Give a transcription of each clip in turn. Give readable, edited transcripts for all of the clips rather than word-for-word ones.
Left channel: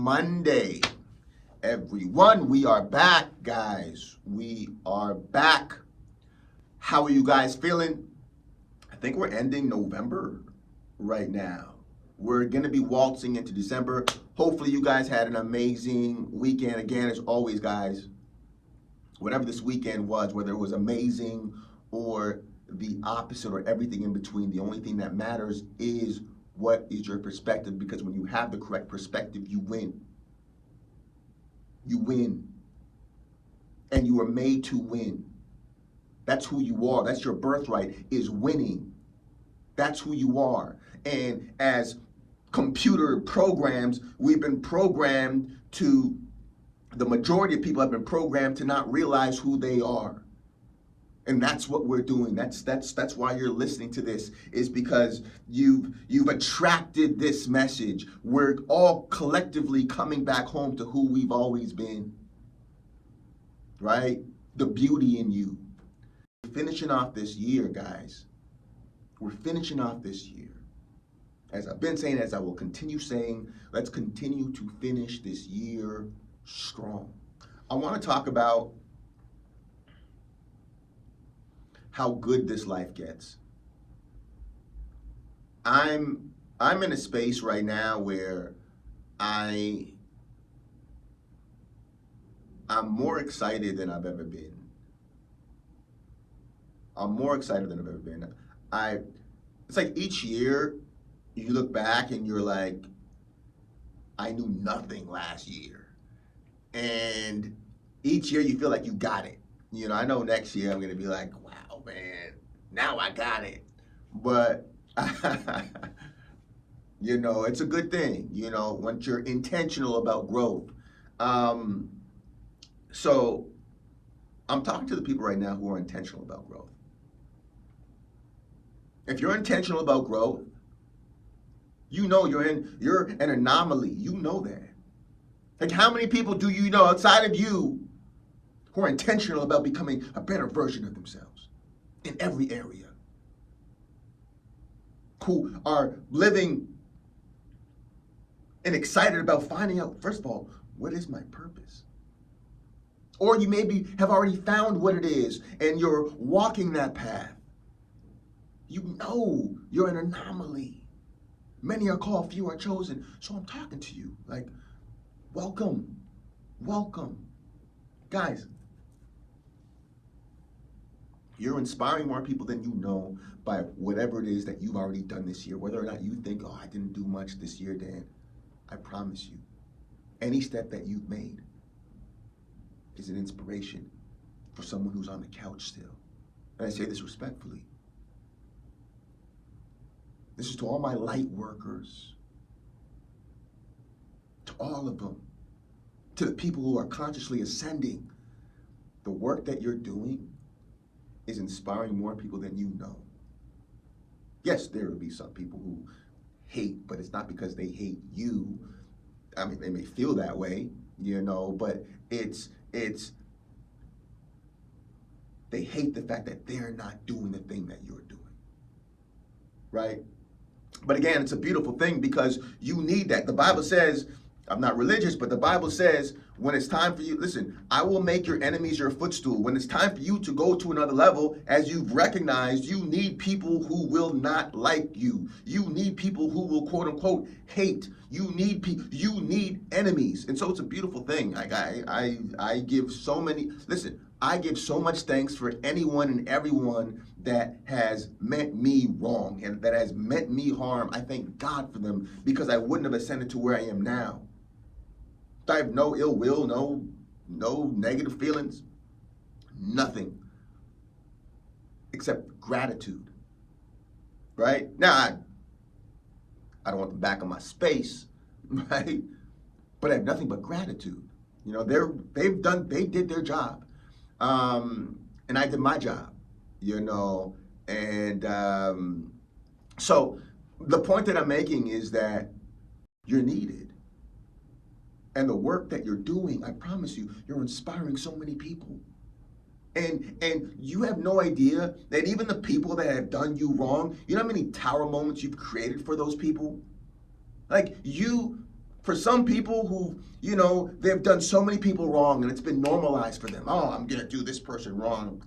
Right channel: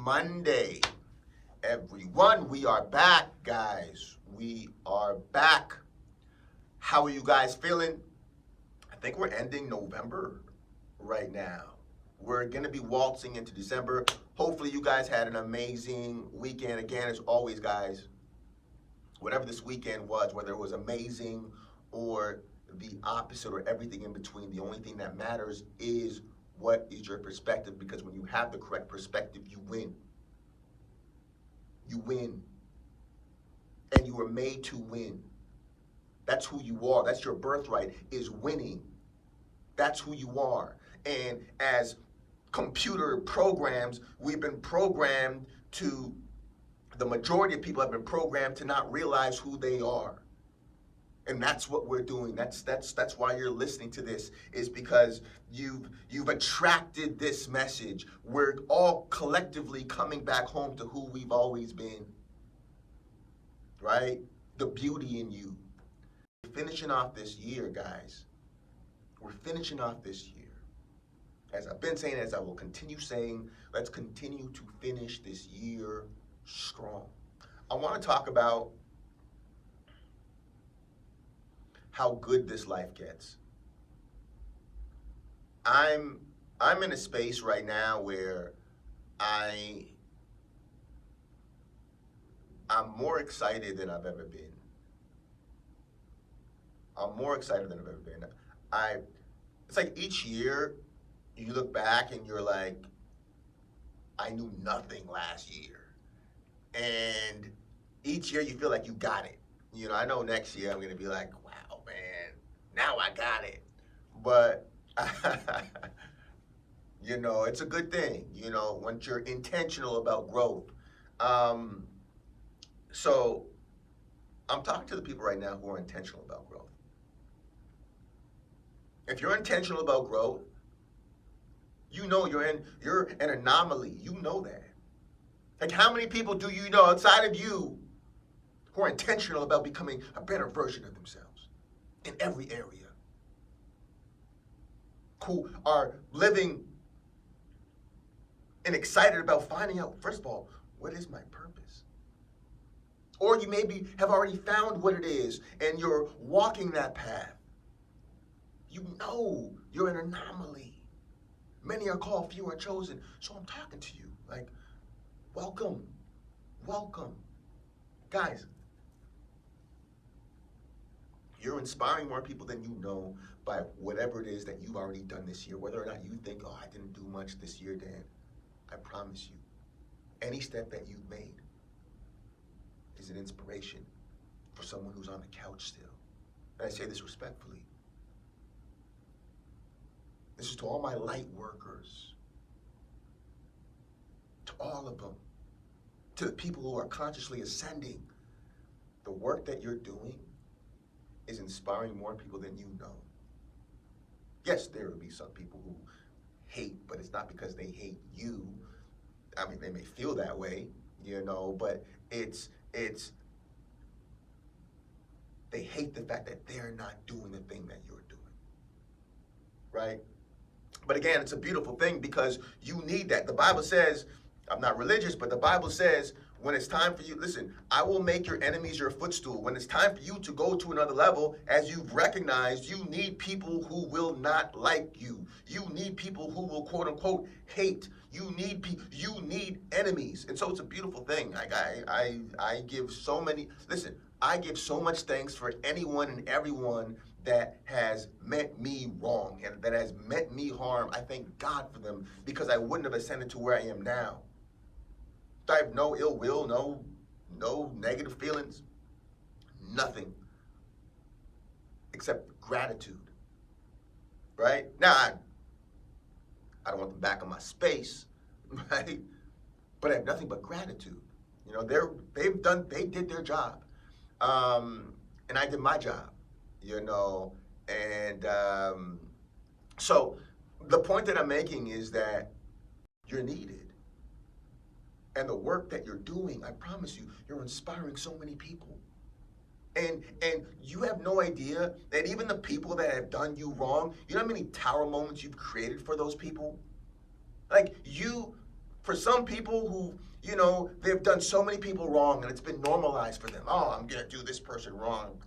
Monday, everyone. We are back, guys. We are back. How are you guys feeling? I think we're ending November right now. We're going to be waltzing into December. Hopefully, you guys had an amazing weekend. Again, as always, guys, whatever this weekend was, whether it was amazing or the opposite or everything in between, the only thing that matters is what is your perspective, because when you have the correct perspective, you win. You win. And you are made to win. That's who you are. That's your birthright, is winning. That's who you are. And as computer programs, we've been programmed to, the majority of people have been programmed to not realize who they are. And that's what we're doing. That's why you're listening to this, is because you've attracted this message. We're all collectively coming back home to who we've always been. Right? The beauty in you. We're finishing off this year, guys. We're finishing off this year. As I've been saying, as I will continue saying, let's continue to finish this year strong. I want to talk about how good this life gets. I'm in a space right now where I'm more excited than I've ever been. I'm more excited than I've ever been. It's like each year you look back and you're like, I knew nothing last year. And each year you feel like you got it. You know, I know next year I'm going to be like, wow, man, now I got it. But, you know, it's a good thing, you know, once you're intentional about growth. So I'm talking to the people right now who are intentional about growth. If you're intentional about growth, you know you're an anomaly. You know that. Like, how many people do you know outside of you who are intentional about becoming a better version of themselves in every area? Who are living and excited about finding out, first of all, what is my purpose? Or you maybe have already found what it is and you're walking that path. You know you're an anomaly. Many are called, few are chosen. So I'm talking to you like, welcome, welcome. Guys, you're inspiring more people than you know by whatever it is that you've already done this year. Whether or not you think, oh, I didn't do much this year, Dan, I promise you, any step that you've made is an inspiration for someone who's on the couch still. And I say this respectfully. This is to all my light workers, to all of them, to the people who are consciously ascending. The work that you're doing is inspiring more people than you know. Yes, there will be some people who hate, but it's not because they hate you. I mean, they may feel that way, you know, but it's they hate the fact that they're not doing the thing that you're doing, right? But again, it's a beautiful thing because you need that. The Bible says, I'm not religious, but the Bible says, when it's time for you, listen, I will make your enemies your footstool. When it's time for you to go to another level, as you've recognized, you need people who will not like you. You need people who will, quote unquote, hate. You need people, you need enemies. And so it's a beautiful thing. I give so many, listen, I give so much thanks for anyone and everyone that has meant me wrong and that has meant me harm. I thank God for them, because I wouldn't have ascended to where I am now. I have no ill will, no negative feelings, nothing except gratitude, right? Now, I don't want them back on my space, right? But I have nothing but gratitude. You know, they did their job, and I did my job, you know, and so the point that I'm making is that you're needed. And the work that you're doing, I promise you, you're inspiring so many people. And you have no idea that even the people that have done you wrong, you know how many tower moments you've created for those people? Like, you For some people who, they've done so many people wrong and it's been normalized for them. Oh, I'm going to do this person wrong.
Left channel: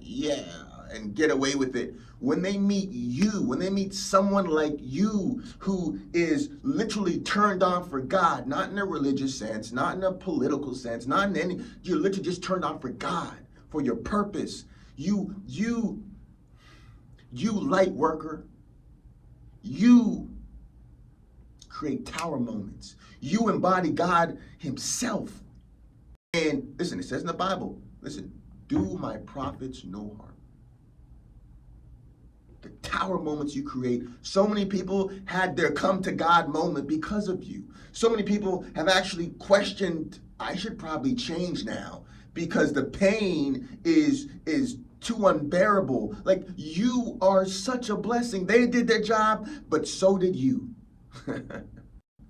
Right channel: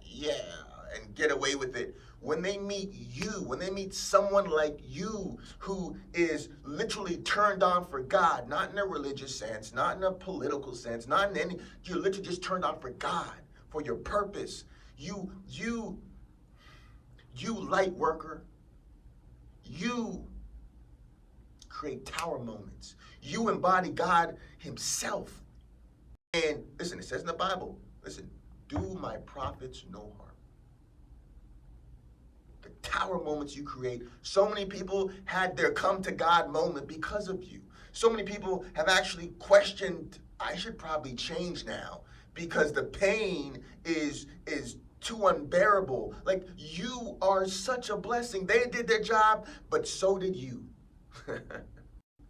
Yeah, and get away with it. When they meet you, when they meet someone like you who is literally turned on for God, not in a religious sense, not in a political sense, not in any, you're literally just turned on for God, for your purpose. You light worker, you create tower moments. You embody God himself. And listen, it says in the Bible, listen, do my prophets no harm. The tower moments you create. So many people had their come to God moment because of you. So many people have actually questioned, I should probably change now because the pain is too unbearable. Like, you are such a blessing. They did their job, but so did you.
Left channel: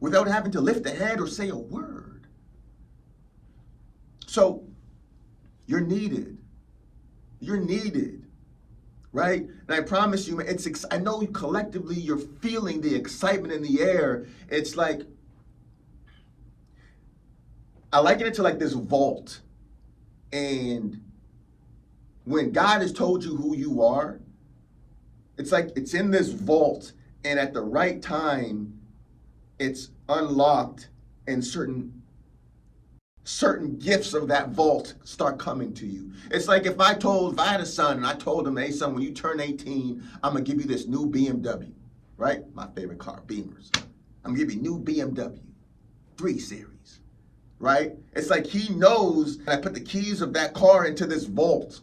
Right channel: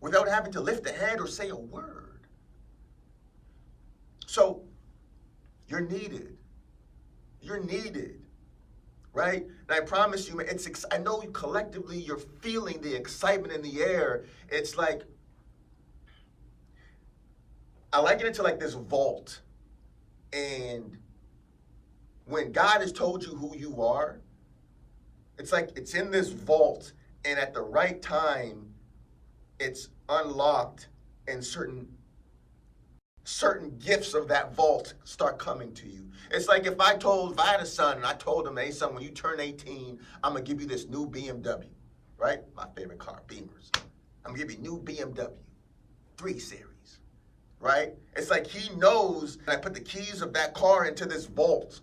Without having to lift a head or say a word. So, you're needed. You're needed. Right? And I promise you, I know collectively you're feeling the excitement in the air. It's like, I liken it to like this vault. And when God has told you who you are, it's like it's in this vault, and at the right time, it's unlocked, and certain gifts of that vault start coming to you. It's like if I had a son and I told him, hey son, when you turn 18, I'm gonna give you this new BMW, right? My favorite car, Beamers. I'm gonna give you a new BMW 3 Series, right? It's like he knows I put the keys of that car into this vault.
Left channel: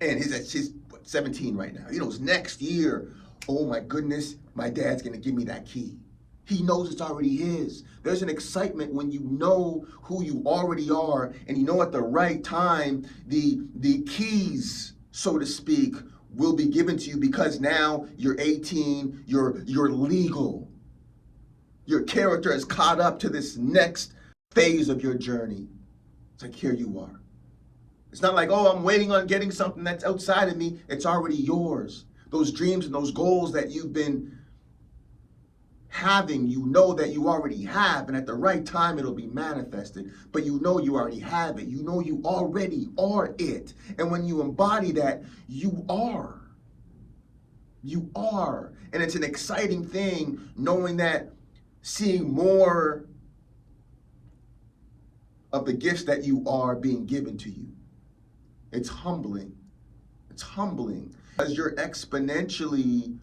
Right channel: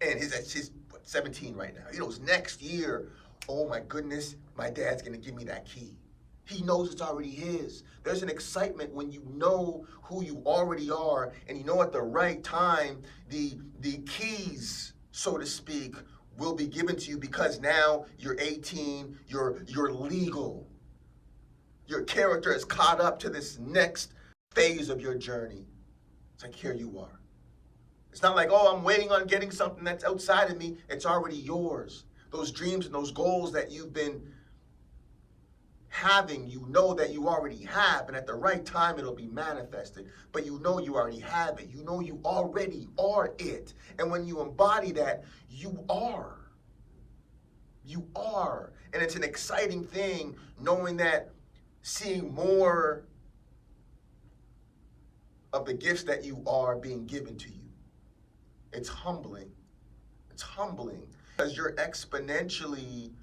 And he's 17 right now. He knows next year, oh my goodness, my dad's gonna give me that key. He knows it's already his. There's an excitement when you know who you already are, and you know at the right time, the keys, so to speak, will be given to you because now you're 18, you're legal. Your character has caught up to this next phase of your journey. It's like, here you are. It's not like, oh, I'm waiting on getting something that's outside of me. It's already yours. Those dreams and those goals that you've been having, you know that you already have, and at the right time it'll be manifested. But you know you already have it. You know you already are it. And when you embody that, you are. You are. And it's an exciting thing knowing that, seeing more of the gifts that you are being given to you. It's humbling. It's humbling because you're exponentially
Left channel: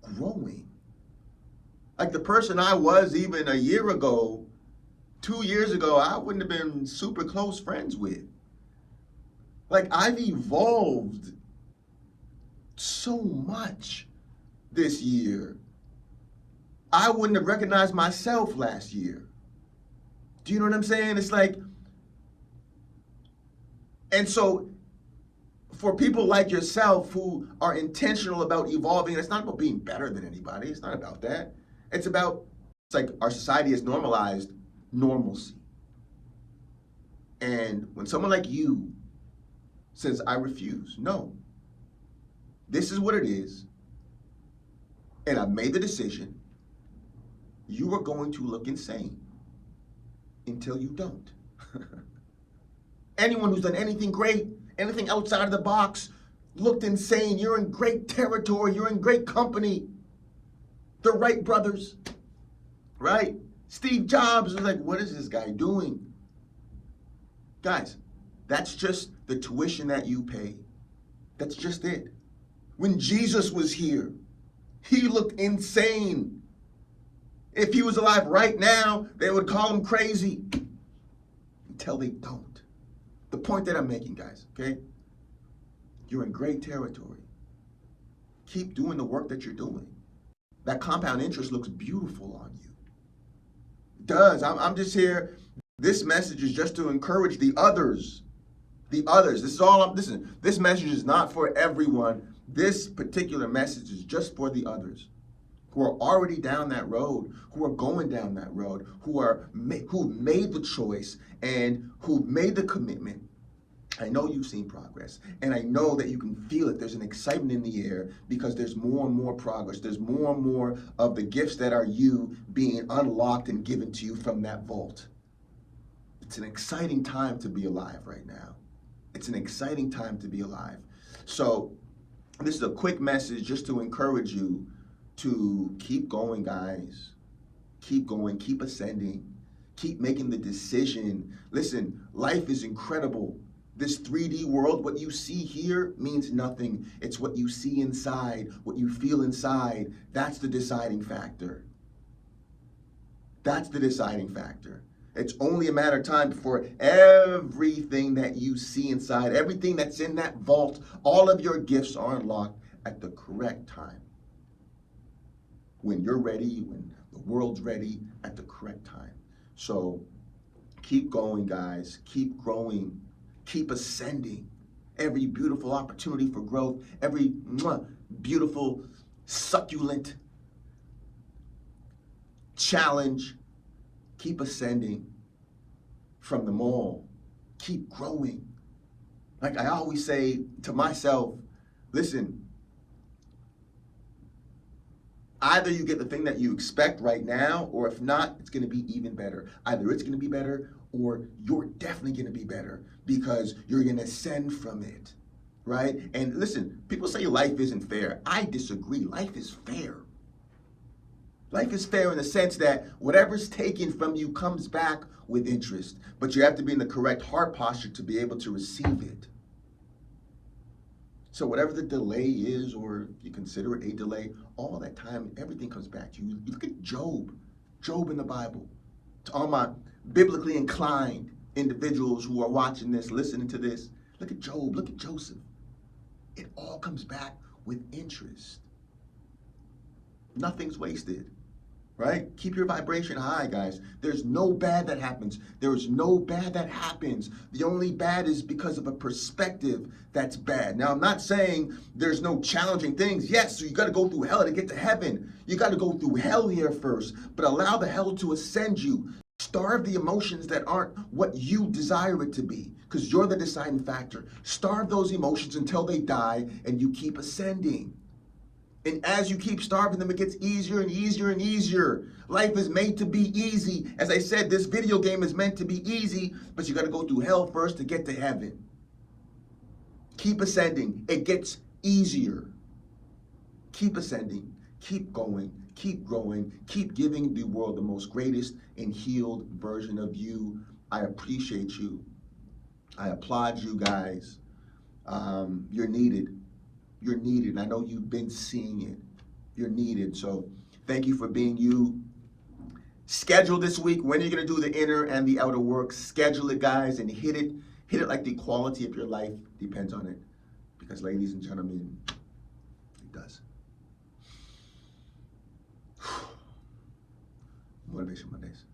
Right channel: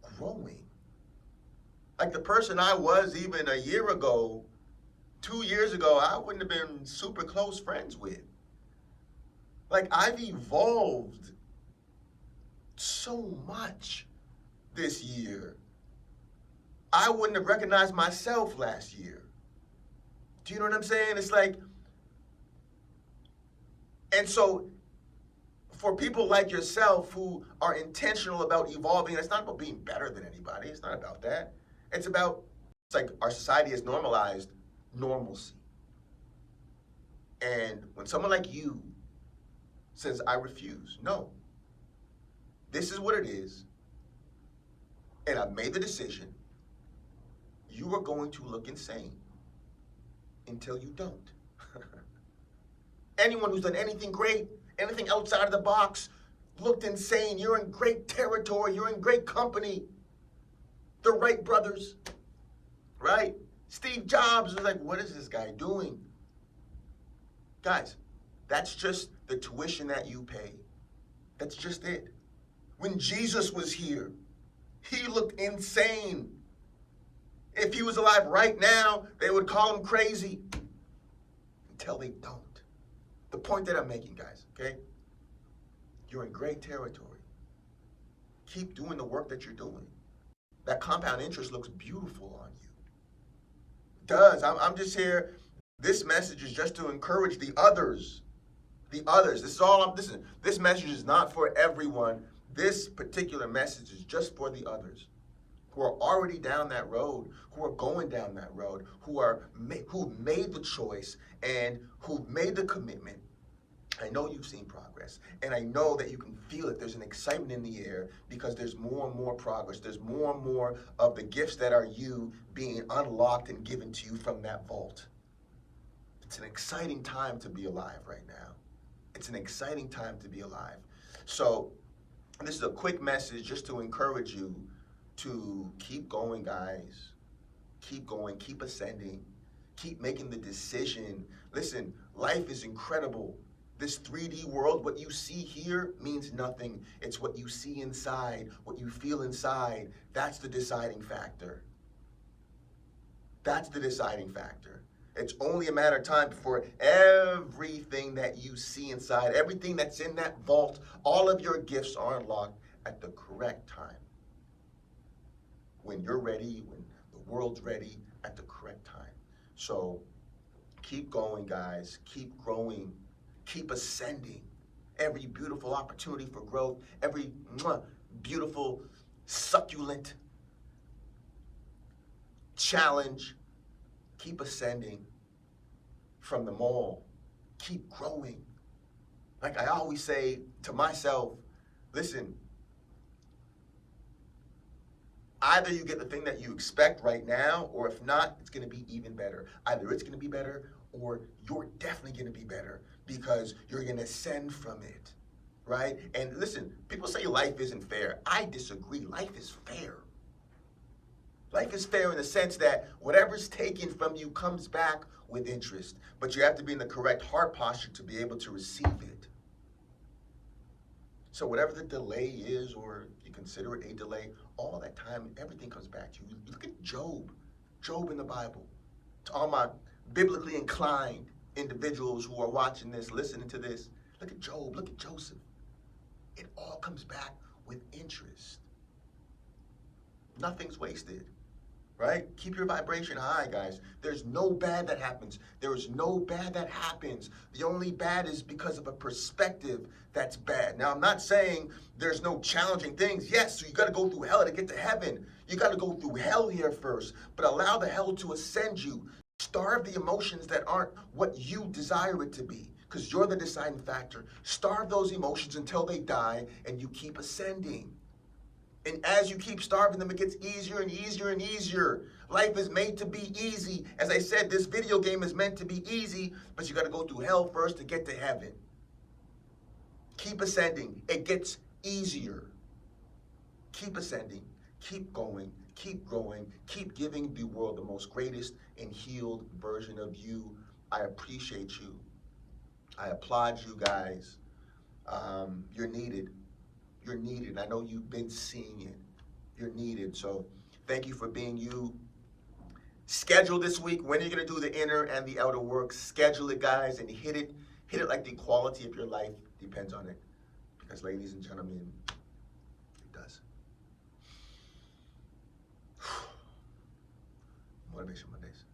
growing. Like the person I was even a year ago, 2 years ago, I wouldn't have been super close friends with. Like, I've evolved so much this year. I wouldn't have recognized myself last year. Do you know what I'm saying? It's like, and so for people like yourself who are intentional about evolving, and it's not about being better than anybody. It's not about that. It's like our society has normalized normalcy. And when someone like you says, I refuse, no, this is what it is, and I've made the decision, you are going to look insane until you don't. Anyone who's done anything great, anything outside of the box, looked insane. You're in great territory. You're in great company. The Wright brothers, right? Steve Jobs was like, what is this guy doing? Guys, that's just the tuition that you pay. That's just it. When Jesus was here, he looked insane. If he was alive right now, they would call him crazy. Until they don't. The point that I'm making, guys, okay? You're in great territory. Keep doing the work that you're doing. That compound interest looks beautiful on you. It does. I'm just here. This message is just to encourage the others. The others. This is all listen, this message is not for everyone. This particular message is just for the others who are already down that road, who are going down that road, who made the choice and who made the commitment I know you've seen progress, and I know that you can feel it. There's an excitement in the air because there's more and more progress. There's more and more of the gifts that are you being unlocked and given to you from that vault. It's an exciting time to be alive right now. It's an exciting time to be alive. So, this is a quick message just to encourage you to keep going, guys. Keep going, keep ascending, keep making the decision. Listen, life is incredible. This 3D world, what you see here means nothing. It's what you see inside, what you feel inside. That's the deciding factor. That's the deciding factor. It's only a matter of time before everything that you see inside, everything that's in that vault, all of your gifts are unlocked at the correct time. When you're ready, when the world's ready, at the correct time. So keep going, guys. Keep growing. Keep ascending. Every beautiful opportunity for growth, every beautiful, succulent challenge, keep ascending from them all. Keep growing. Like I always say to myself, listen, either you get the thing that you expect right now, or if not, it's going to be even better. Either it's going to be better, or you're definitely going to be better because you're going to ascend from it, right? And listen, people say life isn't fair. I disagree. Life is fair. Life is fair in the sense that whatever's taken from you comes back with interest, but you have to be in the correct heart posture to be able to receive it. So whatever the delay is, or you consider it a delay, all that time, everything comes back to you. You look at Job in the Bible. To all my biblically inclined individuals who are watching this, listening to this, look at Job, look at Joseph. It all comes back with interest. Nothing's wasted, right? Keep your vibration high, guys. There's no bad that happens. There is no bad that happens. The only bad is because of a perspective that's bad. Now, I'm not saying there's no challenging things. Yes, so you got to go through hell to get to heaven. You got to go through hell here first, but allow the hell to ascend you. Starve the emotions that aren't what you desire it to be, because you're the deciding factor. Starve those emotions until they die, and you keep ascending. And as you keep starving them, it gets easier and easier and easier. Life is made to be easy. As I said, this video game is meant to be easy, but you got to go through hell first to get to heaven. Keep ascending. It gets easier. Keep ascending. Keep going. Keep growing. Keep giving the world the most greatest and healed version of you. I appreciate you. I applaud you guys. You're needed. You're needed. And I know you've been seeing it. You're needed. So thank you for being you. Schedule this week. When are you going to do the inner and the outer work? Schedule it, guys, and hit it. Hit it like the quality of your life depends on it. Because, ladies and gentlemen, it does. Motivation Mondays.